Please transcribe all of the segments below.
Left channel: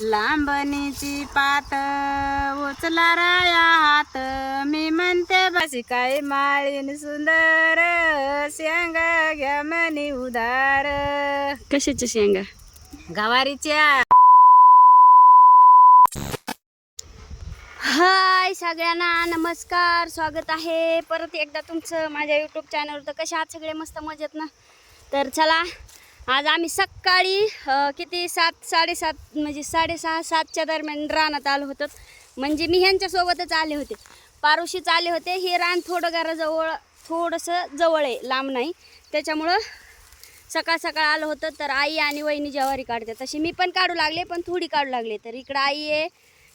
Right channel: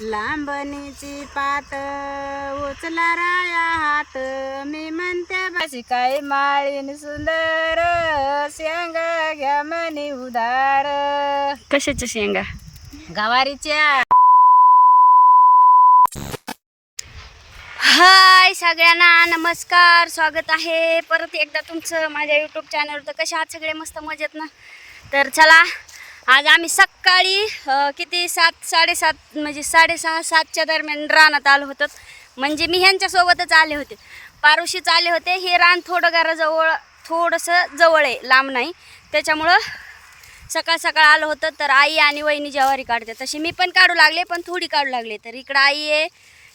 लांबणीची पात उचला राया हात, मी म्हणते बसी काय माळीन सुंदर, शेंगा घ्या मनी उदार. कशाच्या शेंगा? गवारीच्या. हाय सगळ्यांना, नमस्कार, स्वागत आहे परत एकदा तुमचं माझ्या यूट्यूब चॅनलवर. तर कशा आहात सगळे? मस्त मजेत ना? तर चला, आज आम्ही सकाळी किती 7-7:30 म्हणजे 6:30-7च्या दरम्यान रानात आलो होतो. म्हणजे मी ह्यांच्यासोबतच आले होते, पारुशीच आले होते. हे रान थोडं घराजवळ, थोडंसं जवळ आहे, लांब नाही, त्याच्यामुळं सकाळ सकाळ आलो होतं. तर आई आणि वहिनी ज्वारी काढते, तशी मी पण काढू लागले, पण थोडी काढू लागले. तर इकडं आई आहे,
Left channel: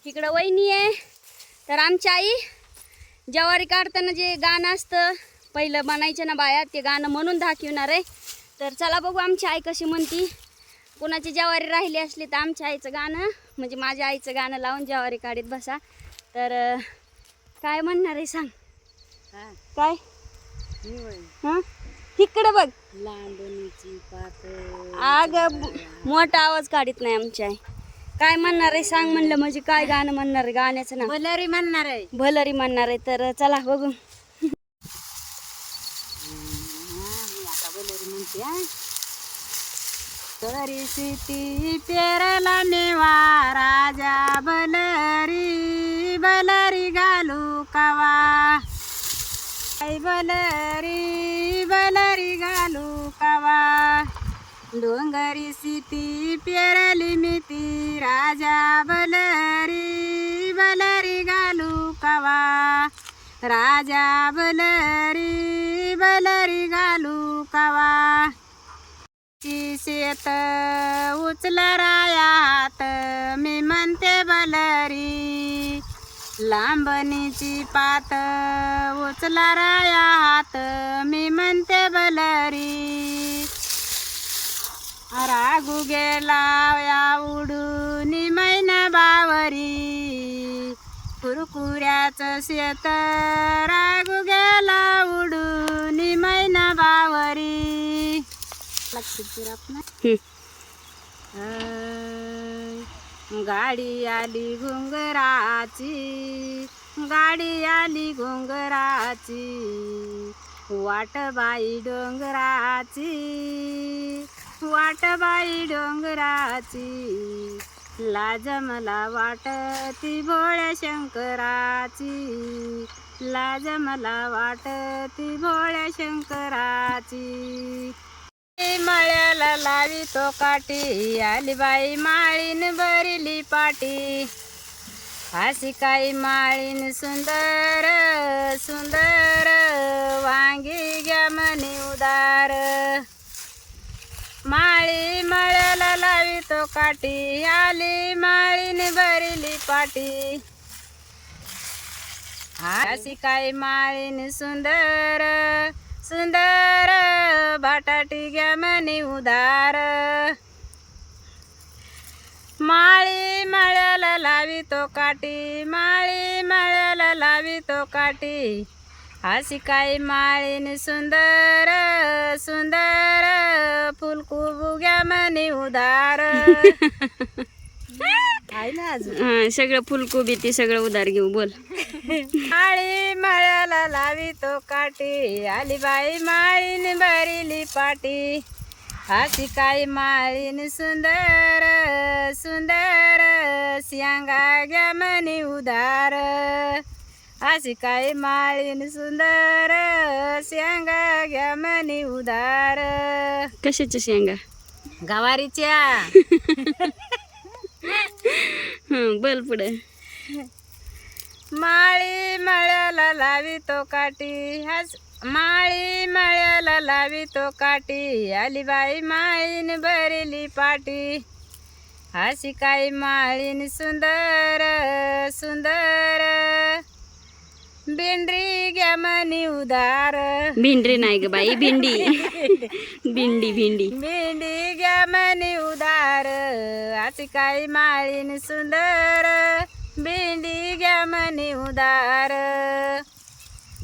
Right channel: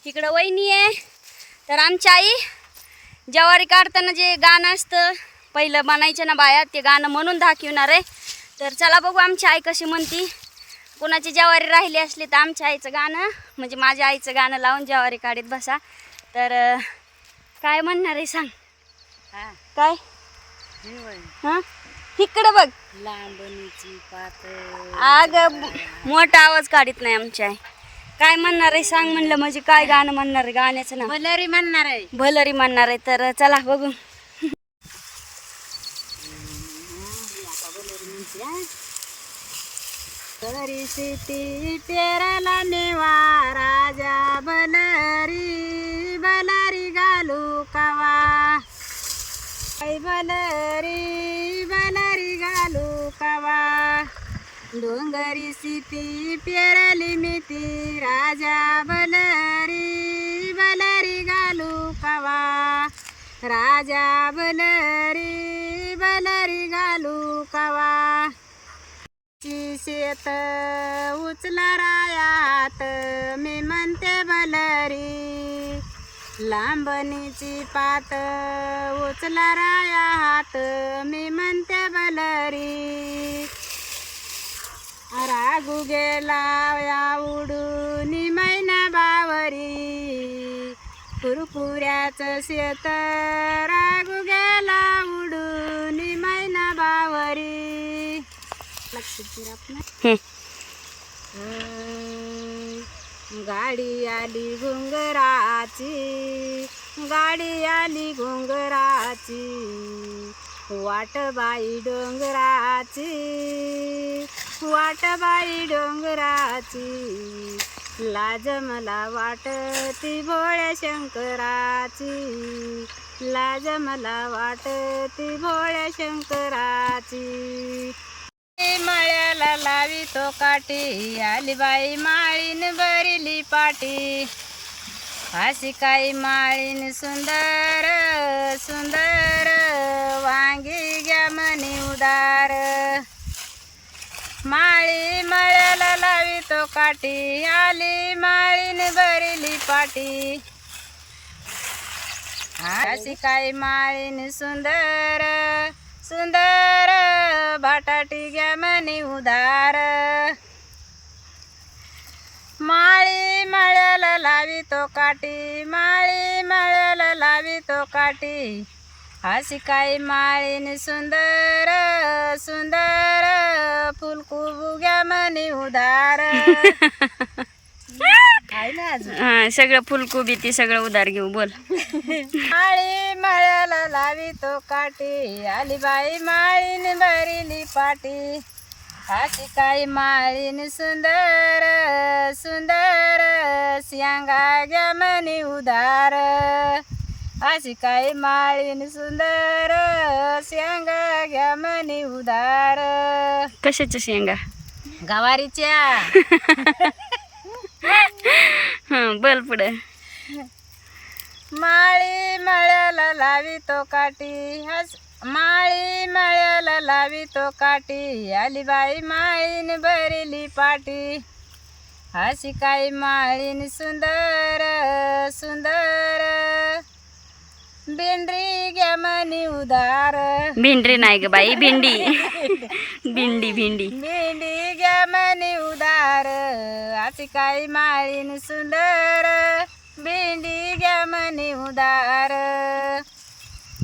इकडं वहिनी आहे. तर आमची आई ज्वारी काढताना जे गाणं असतं पहिलं म्हणायचं ना बाया, ते गाणं म्हणून दाखवणार आहे. तर चला बघू आमची आई कशी म्हणती. कोणाची ज्वारी राहिली असली तर आमच्या आईचं गाणं, म्हणजे माझ्या आईचं गाणं लावून ज्वारी काढीत बसा. तर काय म्हणणार आहे सांग. काय हां इकडं बघ. लांबणीची पात अगं मोठा आवाज काढीत नाही आमची आई. काय म्हणणार आहे सांग म्हणलं, म्हणजे काय गाणं म्हणणार आहे, गाण्याचं नाव भलरी म्हणणार आहे. भलरी म्हणणार आहे. तर चला बघू. भलरी सिटी पेरला नेवा, राजा भलरी भलरी घालू कवा, भलरी भलरी घालू कवा. डोंगरी सिटी पेरली मिती, राजा भलरी भलरी घालू कवा, राजा भलरी भलरी घालू कवा. शेत उचला राया हात, मी म्हणते भलरी. लांबणीची पात उचला राया हात, मी म्हणते भलरी. रागू गेला या उडून मैना बावरी, कुरकुऱ्याचं शेत रागू गेला उडून मैना बावरी. गाडी आली घुंगराची, गाडी आली घुंगराची, वाट बाई डोंगराची, वाट बाई डोंगराची. लाज मला वाटती भोळ्या शंकराची, लाज मला वाटती भोळ्या शंकराची. मळ्याला लावी तो काठी, आली बाई माळीन भरली पाटी. अशी काही माळीन सुंदर सुंदर, वांगी घ्या म्हणे उदार. माळी मळ्याला लावी तो काठी, आली माळीन भरली पाटी. अशी काही माळीन सुंदर सुंदर, बटाटी घ्या म्हणे उदार. माळी मळ्याला लावी तो काठी, माळी मळ्याला लावी तो काठी. अशी काही माळीन सुंदर सुंदर, फुलकुबू घ्या म्हणे उदार. आहे ना अजून सगळं फुलकोबी ते सगळं उधार घेऊ. बोल. माळी मळ्याला लावी तो काठी, आली बाई माळीन भरली पाटी. अशी काही माळीन सुंदर सुंदर, शेंगा घ्या म्हणे उदार. अशी काही माळीन सुंदर, शेंगा घ्या म्हणे उदार. कशाच्या शेंगा? गवारीच्या. बोल पुढे. माळी मळ्याला लावी तो काठी, माळी मळ्याला लावी तो काठी, आली बाई माळीन भरली पाटी. अशी काही माळीन सुंदर सुंदर, भेंडी घ्या म्हणे उदार. भेंडी नाही ग बाई, भेंडी. भेंडी भेंडी भेंडी घ्या म्हणे उदार. अशी काही माळीन सुंदर, भेंडी घ्या म्हणे उदार.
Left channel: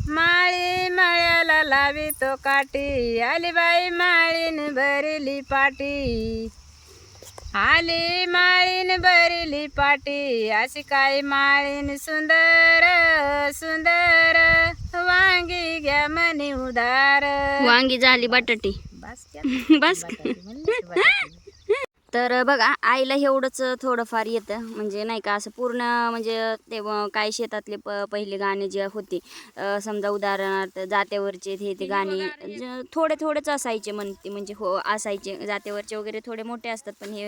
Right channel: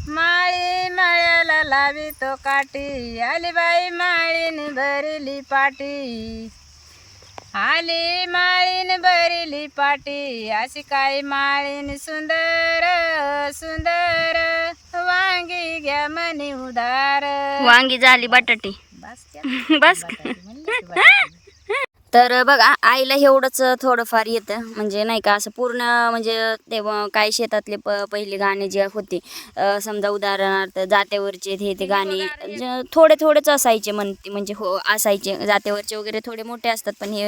माळी मळ्याला लावी तो काठी, आली बाई माळीन भरली पाटी. आली माळीन भरली लिहिली पाटी अशी काय माळीन सुंदर सुंदर वांगी घ्या मनी उदार. वांगी झाली बटाटी. बस बस. तर बघा आईला एवढंच थोडंफार येतं म्हणजे नाही का असं पूर्ण म्हणजे तेव्हा काय शेतातले पहिले गाणे जे होते समजा उदाहरणार्थ जात्यावरचे ते गाणे थोडे थोडेच असायचे म्हणते म्हणजे हो असायचे जात्यावरचे वगैरे थोडे मोठे असतात पण हे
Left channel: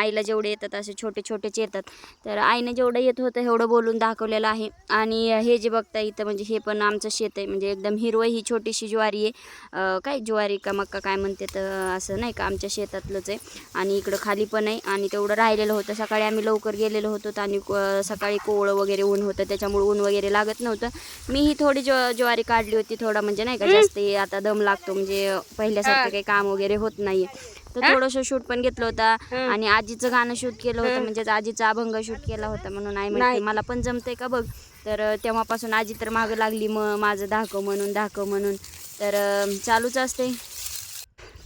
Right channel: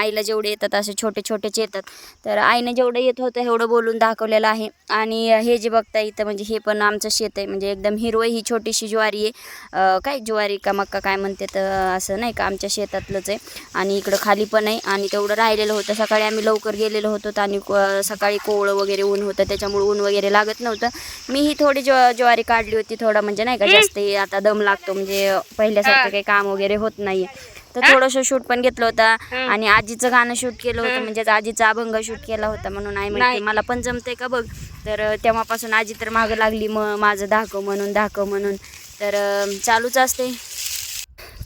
आईला जेवढे येतात असे छोटे छोटेच येतात. तर आईनं जेवढं येत होतं एवढं बोलून दाखवलेलं आहे. आणि हे जे बघता इथं म्हणजे हे पण आमचं शेत आहे म्हणजे एकदम हिरवं ही छोटीशी ज्वारी आहे काय ज्वारी का मक्का काय म्हणते तर असं नाही का आमच्या शेतातलंच आहे. आणि इकडं खाली पण आहे आणि तेवढं राहिलेलं होतं. सकाळी आम्ही लवकर गेलेलो होतो आणि सकाळी कोवळं वगैरे ऊन होतं त्याच्यामुळे ऊन वगैरे लागत नव्हतं. मी ही थोडी ज्वारी काढली होती थोडा म्हणजे नाही का जास्त आता दम लागतो म्हणजे पहिल्यासारखं काही काम वगैरे होत नाही. तर थोडंसं शूट पण घेतलं होतं आणि आजीचं गाणं शूट केलं होतं म्हणजे आजीचा अभंग शूट केला होता म्हणून आई म्हणते मला पण जमतंय का बघ. तर तेव्हापासून आजी तर मागं लागली मग माझं दाखव म्हणून तर चालूच असते.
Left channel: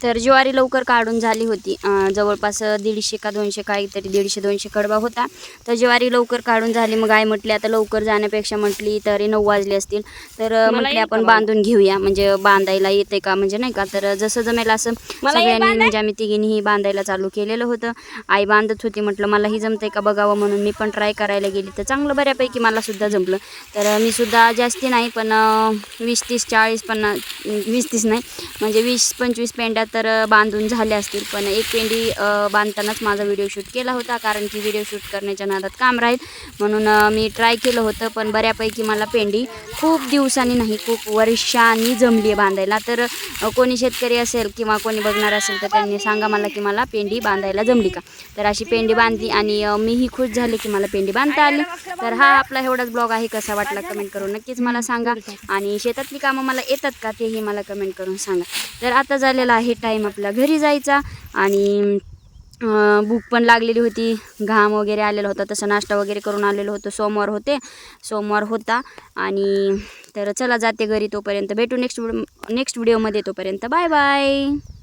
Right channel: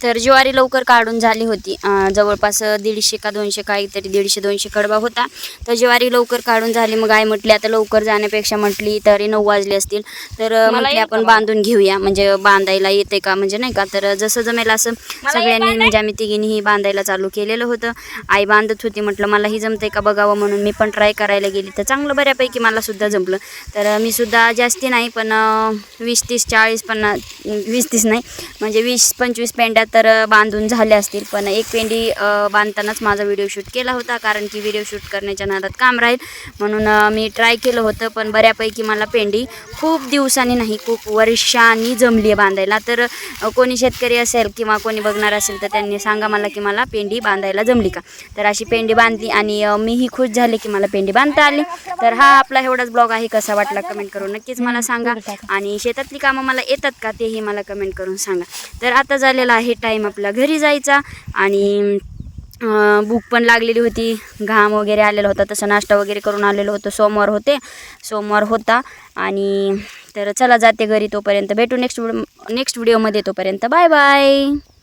तर ज्वारी लवकर काढून झाली होती जवळपास 150 का 200 काहीतरी 150-200 कडबा होता. तर ज्वारी लवकर काढून झाली. मग आई म्हटली आता लवकर जाण्यापेक्षा म्हटली तरी 9 वाजले असतील तर म्हटली आपण बांधून घेऊया म्हणजे बांधायला येते का म्हणजे नाही का. तर जसं जमेल असं सगळ्यांनी म्हणजे आम्ही तिघींनीही बांधायला चालू केलेलं होतं. आई बांधत होती म्हटलं मलाही जमतंय का बघावं म्हणून मी पण ट्राय करायला गेली तर चांगलं बऱ्यापैकी मला सुद्धा जमलं. तर मी सुद्धा जास्ती नाही पण 20-30-40-50 20-30 नाही म्हणजे 20-25 पेंड्या तर बांधून झाले असतील. पण एक पेंडी बांधतानाच माझा व्हिडिओ शूट केला होता कारण की व्हिडिओ शूट करण्याच्या नादात काम राहील म्हणून मी ट्राय केलं होतं. पण बऱ्यापैकी मला पेंडी खूप दिवसांनी नाही खूप वर्षांनी जमली आहे बांधायला. तर कोणी शेतकरी असेल किंवा कोणी बघणार असेल तर त्यांनी सांगा मला की मला पेंडी बांधायला जमली का. तर अशी पेंडी बांधली आणि मीही खुश झाले की मला पेंडी बांधता आली. तर हा आपला एवढाच ब्लॉग आहे. कसा वाटला कमेंट करून नक्कीच मला सांगा आणि शेतातली कामं मला येतात का तेही मला कमेंट करून सांगा. तर आता झालेला आहे टाईम आपला घरी जायचा आणि भूक पण लागलेली होती घाम वगैरे आलेला होता तसं नाश्ता वगैरे करून आलेलो होतो. सोमवार होता आणि तर चला जाते घरी. तोपर्यंत भेटू नेक्स्ट व्हिडिओमध्ये. तोपर्यंत बाय बाय.